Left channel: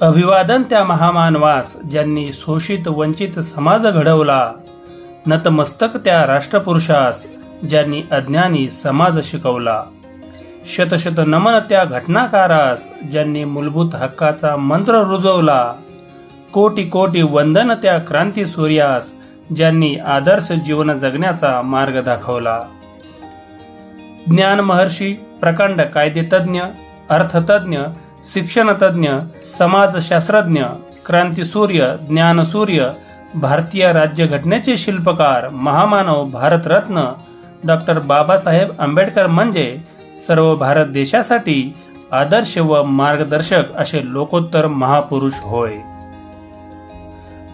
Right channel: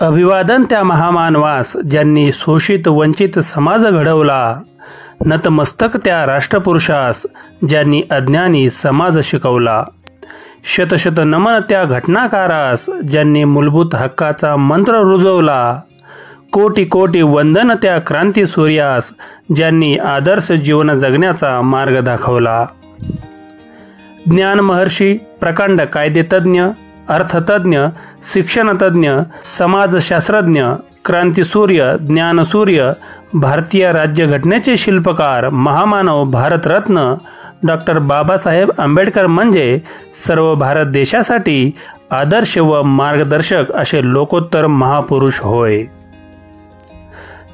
अभिवादन त्या महामानवास ज्यांनी शोषित वंचित समाज घडवला, नतमस्तक त्या राष्ट्रपुरुषास ज्यांनी अज्ञानी समाज शिकवला. शतशत नमन त्या घटनाकारास ज्यांनी मूलभूत हक्काचा मंत्र रुजवला. कोटी कोटी वंदन त्या क्रांती सूर्यास ज्यांनी आदर्श जीवन जगण्याचा मार्ग दाखवला. ज्ञान महर्षी, प्रकांड कायदेतज्ञ, अर्थतज्ञ, शिक्षणतज्ञ, समाजशास्त्रज्ञ, क्रांतीसूर्य, ज्ञानसूर्य, भारतीय राज्यघटनेचे शिल्पकार, महामानव, भारतरत्न डॉक्टर बाबासाहेब आंबेडकर म्हणजे सर्व भारत देशासाठी आदर्श व मार्गदर्शक असे लोकोत्तर महापुरुष होय.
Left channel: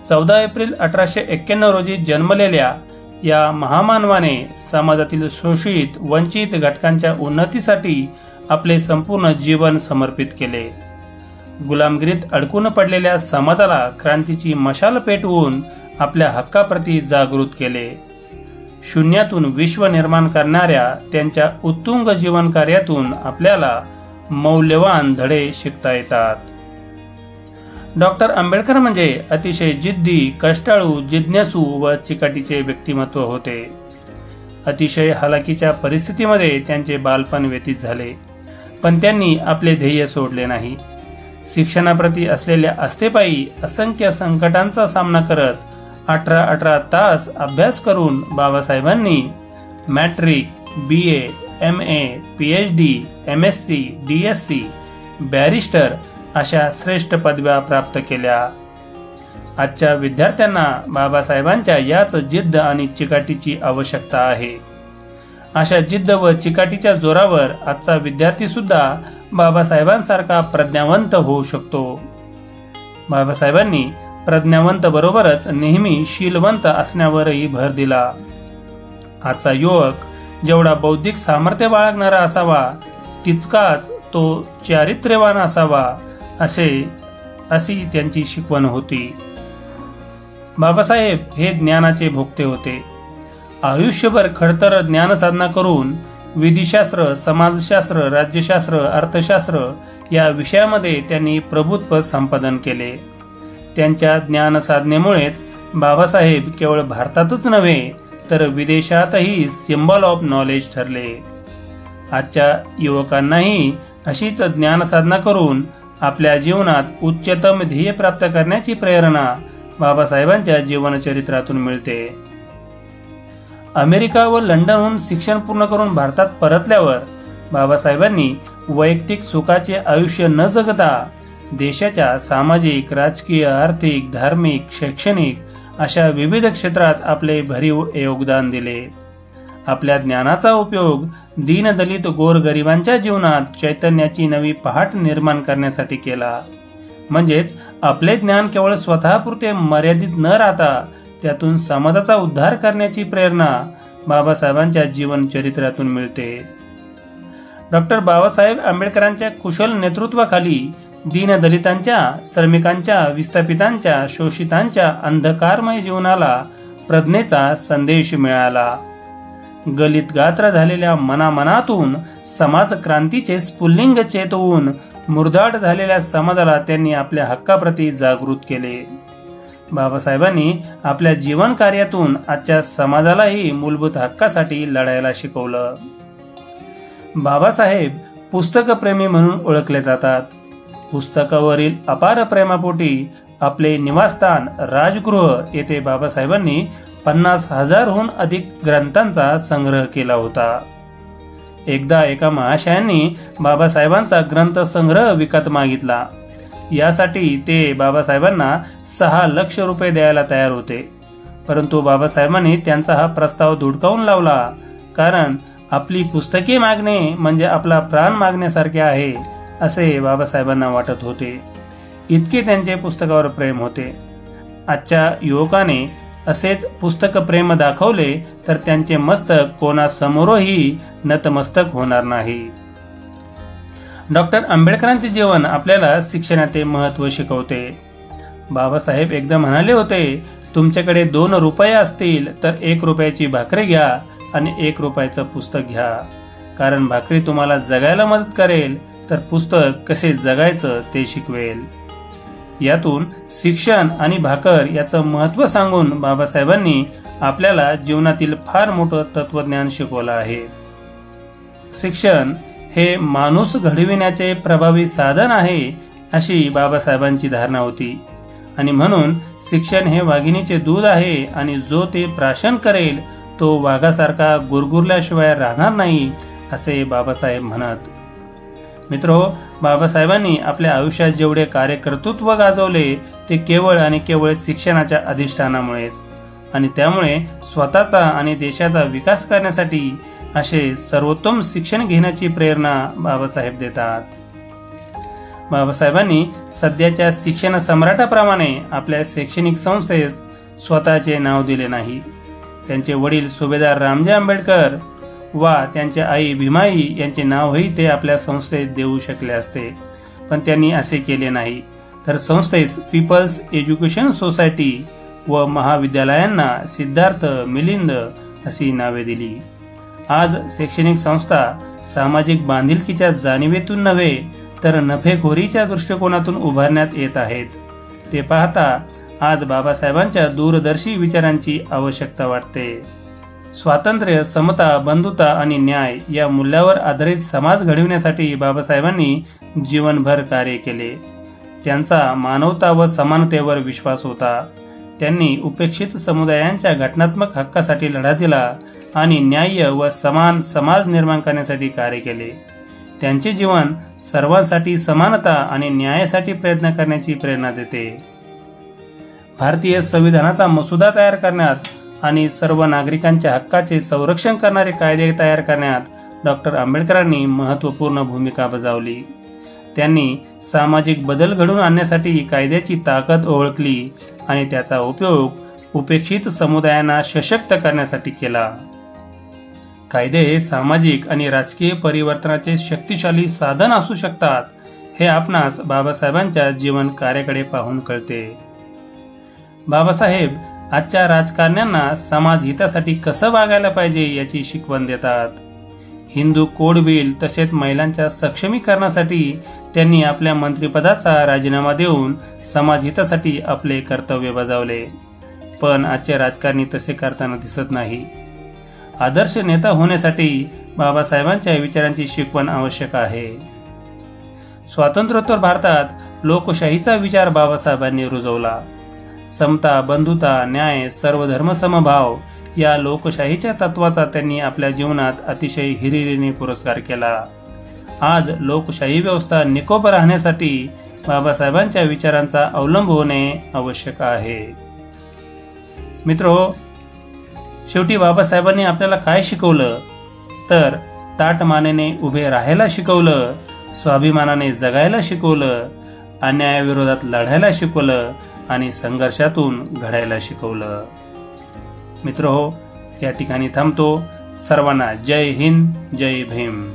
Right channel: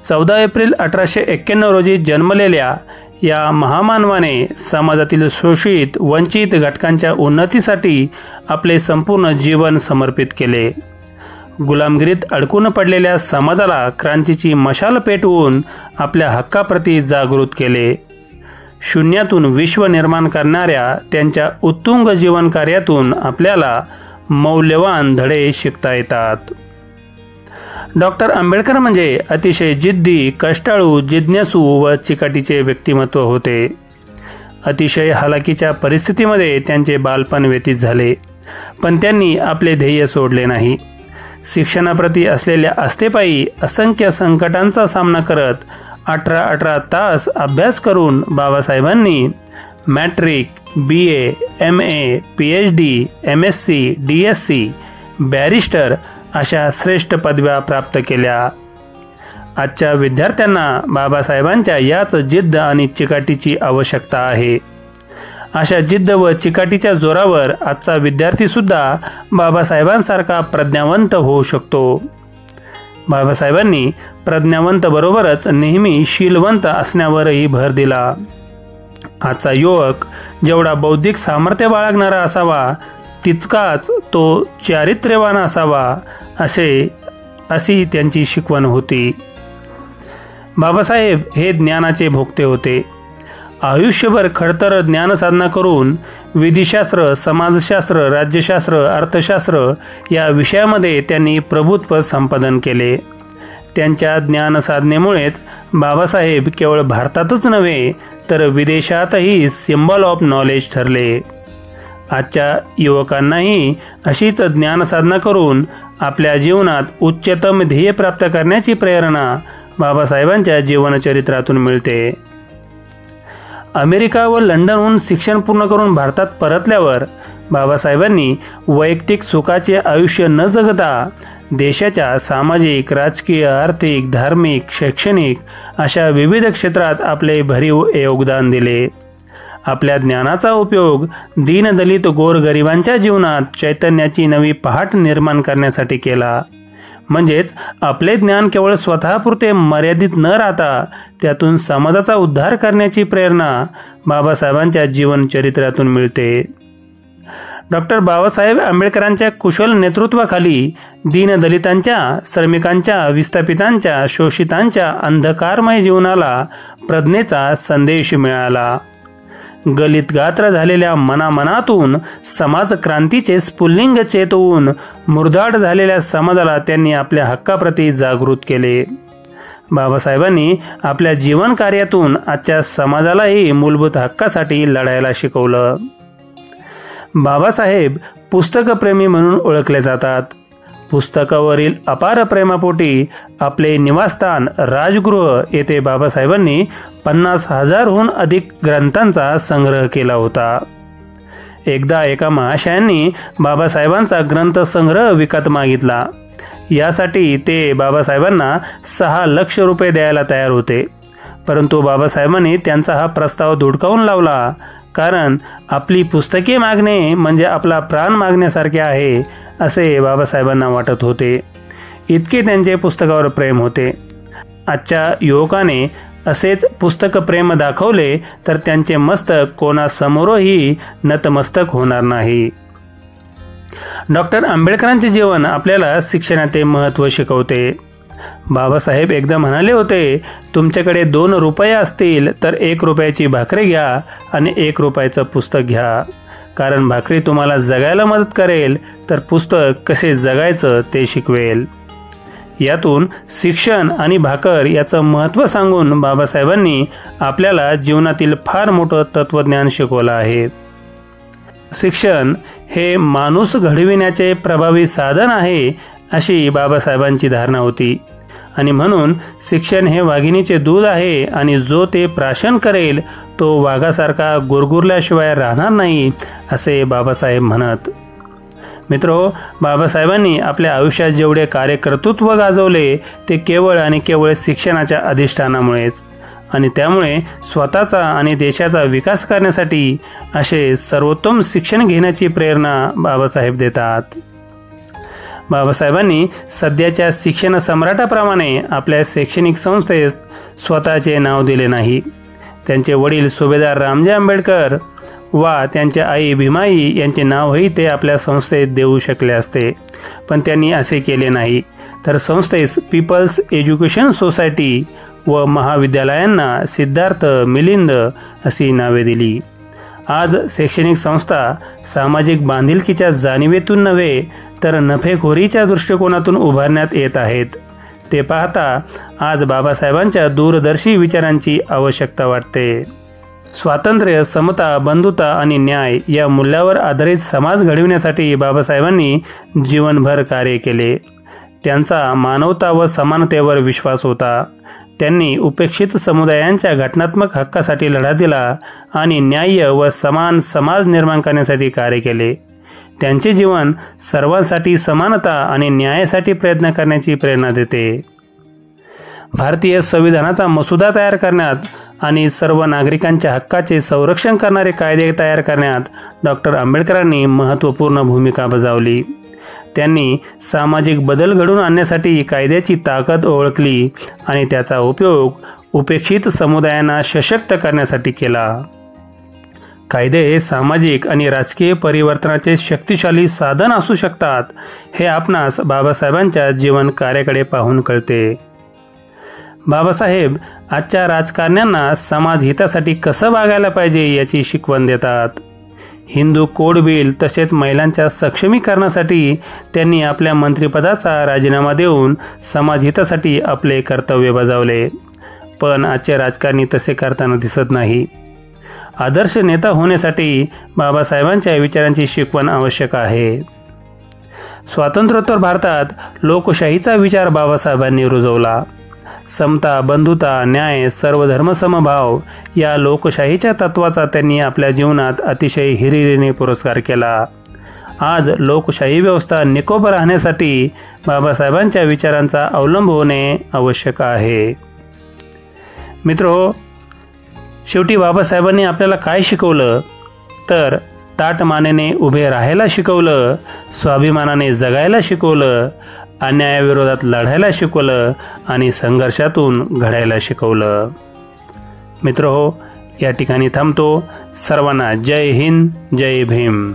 14 एप्रिल 1891 रोजी जन्मलेल्या या महामानवाने समाजातील शोषित वंचित घटकांच्या उन्नतीसाठी आपले संपूर्ण जीवन समर्पित केले. गुलामगिरीत अडकून पडलेल्या समाजाला क्रांतीची मशाल पेटवून आपल्या हक्काप्रती जागृत केले. शून्यातून विश्व निर्माण करणाऱ्या त्यांच्या उत्तुंग जीवन कार्यातून आपल्याला मौल्यवान धडे शिकता येतात. डॉक्टर आंबेडकर म्हणजे अतिशय जिद्दी, कष्टाळू, जिज्ञासू व चिकाटीचे व्यक्तिमत्व होते. अतिशय हालाकीच्या परिस्थितीमध्ये त्यांचे बालपण व्यतीत झाले, पण त्यांनी आपले ध्येय सोडले नाही. शिक्षणाप्रती असलेल्या आस्थेपायी असंख्य संकटांचा सामना करत 18 तास अभ्यास करून बाबासाहेबांनी matric, BA, MA, PhD, MSc, DSc, barrister अशा श्रेष्ठ पदव्या प्राप्त केल्या. आजच्या विद्यार्थ्यांना बाबासाहेबांच्या याच जिद्द आणि चिकाटीची आवश्यकता आहे. अशा जिद्द व चिकाटीच्या जोरावर आजचा विद्यार्थी सुद्धा बाबासाहेबांसारखा प्रज्ञावंत होऊ शकतो. बाबासाहेबांनी प्रज्ञावंत बरोबरच नेहमी शीलवंत असण्यावरही भर दिला. आजचा युवक जेवढा बौद्धिक सामर्थ्य बाळगणारा असावा तितकाच तो चारित्र्यवान असावा अशी त्यांची शिकवण होती. बाबासाहेब हे ज्ञानाचे भोक्ते होते. आयुष्यभर खडतर ज्ञानसाधना करून विधिशास्त्र, समाजशास्त्र, राज्यशास्त्र, अर्थशास्त्र या विषयामध्ये त्यांनी प्रभुत्व संपादन केले. त्यांच्या ज्ञानसाधनेमुळेच बाबासाहेब केवळ भारतातच नव्हे तर विदेशातही सिम्बॉल ऑफ नॉलेज ठरले. आजच्या युवकांनाही अशीच ज्ञानसाधना करून आपल्या जीवनात उच्चतम ध्येय प्राप्त करण्याची प्रेरणा बाबासाहेबांच्या जीवनचरित्रातून मिळते. अमेरिका व लंडनहून शिक्षण पूर्ण करून भारतात परतल्यावर बाबासाहेबांनी वैयक्तिक सुखाचे आयुष्य न जगता देशाच्या सामाजिक, राजकीय, आर्थिक, धार्मिक, शैक्षणिक अशा विविध क्षेत्रात आपले भरीव योगदान दिले. आपल्या ज्ञानाचा उपयोग दीनदलित गोरगरिबांच्या जीवनात चैतन्याची नवी पहाट निर्माण करण्यासाठी केला. म्हणजेच आपले ज्ञान केवळ स्वतःपुरते मर्यादित न राहता त्यातून समाजाचा उद्धार करण्याची प्रेरणा बाबासाहेबांच्या जीवनचरित्रातून मिळते. डॉक्टर बाबासाहेब आंबेडकरांच्या कुशल नेतृत्वाखाली दीनदलितांच्या, श्रमिकांच्या, विस्थापितांच्या, शोषितांच्या अंधकारमय जीवनाला प्रज्ञेचा संदेश मिळाला. गलित गात्र झालेल्या मनामनातून समाज क्रांतीचे स्फुल्लिंग चेतवून मुरदाड झालेल्या समाजाला त्यांनी आपल्या हक्काप्रती जागृत केले. बाबासाहेबांनी आपल्या जीवन कार्यातून आजच्या समाजालाही मूलभूत हक्कासाठी लढायला शिकवलं. बाबासाहेब पुस्तकप्रेमी म्हणून ओळखले जातात. पुस्तकावरील अपार प्रेमापोटी आपले निवासस्थान राजगृह येथे बाबासाहेबांनी 50,000हून अधिक ग्रंथांचा संग्रह केला होता. एकदा एका महाशयांनी बाबासाहेबांचा ग्रंथ संग्रह विकत मागितला. यासाठी ते बाबासाहेबांना 6 लाख रुपये द्यायला तयार होते, परंतु बाबासाहेबांनी त्यांचा हा प्रस्ताव धुडकावून लावला. कारण आपली पुस्तके मागणे म्हणजे आपला प्राण मागण्यासारखे आहे असे बाबासाहेबांना वाटत होते. इतके त्यांचे पुस्तकावर प्रेम होते. आजच्या युवकाने असेच पुस्तक प्रेम दाखवले तर त्यांचे मस्तक कोणासमोरही नतमस्तक होणार नाही. डॉक्टर आंबेडकरांचे जीवन आपल्याला शिक्षणाचे महत्त्व शिकवते. बाबासाहेब एकदा म्हणाले होते, तुमच्याकडे 2 रुपये असतील तर 1 रुपयाची भाकरी घ्या आणि 1 रुपयाचं पुस्तक घ्या. कारण भाकरी तुम्हाला जगायला मदत करेल तर पुस्तक कसे जगायचं ते शिकवेल. यातून शिक्षण आणि भाकर याचं महत्त्व सांगून बाबासाहेबांनी आपल्याला जीवनातील फार मोठं तत्वज्ञान शिकवलं आहे. शिक्षण हे माणूस घडविण्याचे प्रभावी साधन आहे अशी बाबासाहेबांची धारणा होती आणि म्हणून शिक्षण हे वाघिणीचे दूध आहे आणि जो ते प्राशन करेल तो वाघासारखा गुरगुरल्याशिवाय राहणार नाही असे बाबासाहेब म्हणत. मित्रहो, बाबासाहेबांनी आपल्या आयुष्यात जेवढे कार्यकर्तृत्व गाजवले ते केवळ आणि केवळ शिक्षणाच्या अधिष्ठानामुळेच आणि त्यामुळे स्वतःचा आणि देशाचा विकास करण्यासाठी असे सर्वोत्तम शिक्षण घेण्याची प्रेरणा बाबासाहेब देतात. बाबासाहेबांनी सध्याच्या शिक्षण सम्राटाप्रमाणे आपल्या शैक्षणिक संस्थेस स्वतःचे नाव दिले नाही. त्यांचे वडील सुभेदार रामजी आंबेडकर वा त्यांच्या आई भीमाई यांचे नावही ते आपल्या संस्थेत देऊ शकले असते, पण त्यांनी असे केले नाही. तर संस्थेस पीपल्स एज्युकेशन सोसायटी व महाविद्यालयांना सिद्धार्थ, मिलिंद अशी नावे दिली. आज शैक्षणिक संस्था सामाजिक बांधिलकीच्या जाणीवेतून नव्हे तर नफेखोरीच्या दृष्टिकोनातून उभारण्यात येत आहेत. ते पाहता आज बाबासाहेबांच्या दूरदर्शी विचारांची आवश्यकता वाटते. स्वातंत्र्य, समता, बंधुता आणि न्याय या मूल्यावर आधारित समाज घडविण्यासाठी बाबासाहेबांनी जीवनभर कार्य केले. त्यांचा मानवता व समानतेवर विश्वास होता. त्यांनी उपेक्षित समुदायांच्या घटनात्मक हक्कासाठी लढा दिला आणि न्याय्य व समान समाज निर्माण करण्यासाठी कार्य केले. त्यांचे जीवन सर्वांसाठी समानता आणि न्यायासाठी प्रयत्न करण्याची प्रेरणा देते. भारतीय संविधानाचा मसुदा तयार करण्यात आणि सर्व नागरिकांच्या हक्काचे संरक्षण करणारे कायदे तयार करण्यात डॉक्टर आंबेडकरांनी महत्त्वपूर्ण भूमिका बजावली. त्यांनी सामाजिक बदल घडवून आणण्यासाठी कायद्याची ताकद ओळखली आणि त्याचा उपयोग उपेक्षित समुदायांना सशक्त करण्यासाठी केला. कायदे हे सामाजिक आणि राजकीय परिवर्तनाचे शक्तिशाली साधन असू शकतात हे आपणास बाबासाहेबांच्या जीवन कार्याकडे पाहून कळते. बाबासाहेब आजच्या राजकारण्यांना समाज हितासाठी कसं वागायला पाहिजे याची शिकवण देतात. हिंदू कोड बिल तसेच महिलांच्या सक्षमीकरणासाठी त्यांनी आपल्या मंत्रिपदाचा राजीनामा देऊन समाज हितासाठी आपले कर्तव्य बजावले. पण आजचे राजकारणी तसे करताना दिसत नाही. आदर्श नेता होण्यासाठी बाबासाहेबांच्या विचारांची शिकवण आवश्यक आहे. स्वातंत्र्योत्तर भारतात लोकशाहीचा विचार बाबासाहेबांनी रुजवला. समता, बंधुता, न्याय, सर्वधर्म समभाव या लोकशाहीच्या तत्वाचा त्यांनी आपल्या जीवनात अतिशय हिरिरीने पुरस्कार केला. आज लोकशाही व्यवस्था निकोप राहण्यासाठी बाबासाहेबांच्या विचारांचा अवलंब होणे आवश्यक आहे. मित्रो, शेवटी बाबासाहेबांनी आपल्याला काय शिकवलं तर ताठ मानेने उभे राहायला शिकवलं, स्वाभिमानाने जगायला शिकवलं, अन्यायाविरोधात लढायला शिकवलं आणि संघर्षातून घडायला शिकवलं. मित्रहो, या ठिकाणी थांबतो. सर्वांना जय हिंद, जय भीम.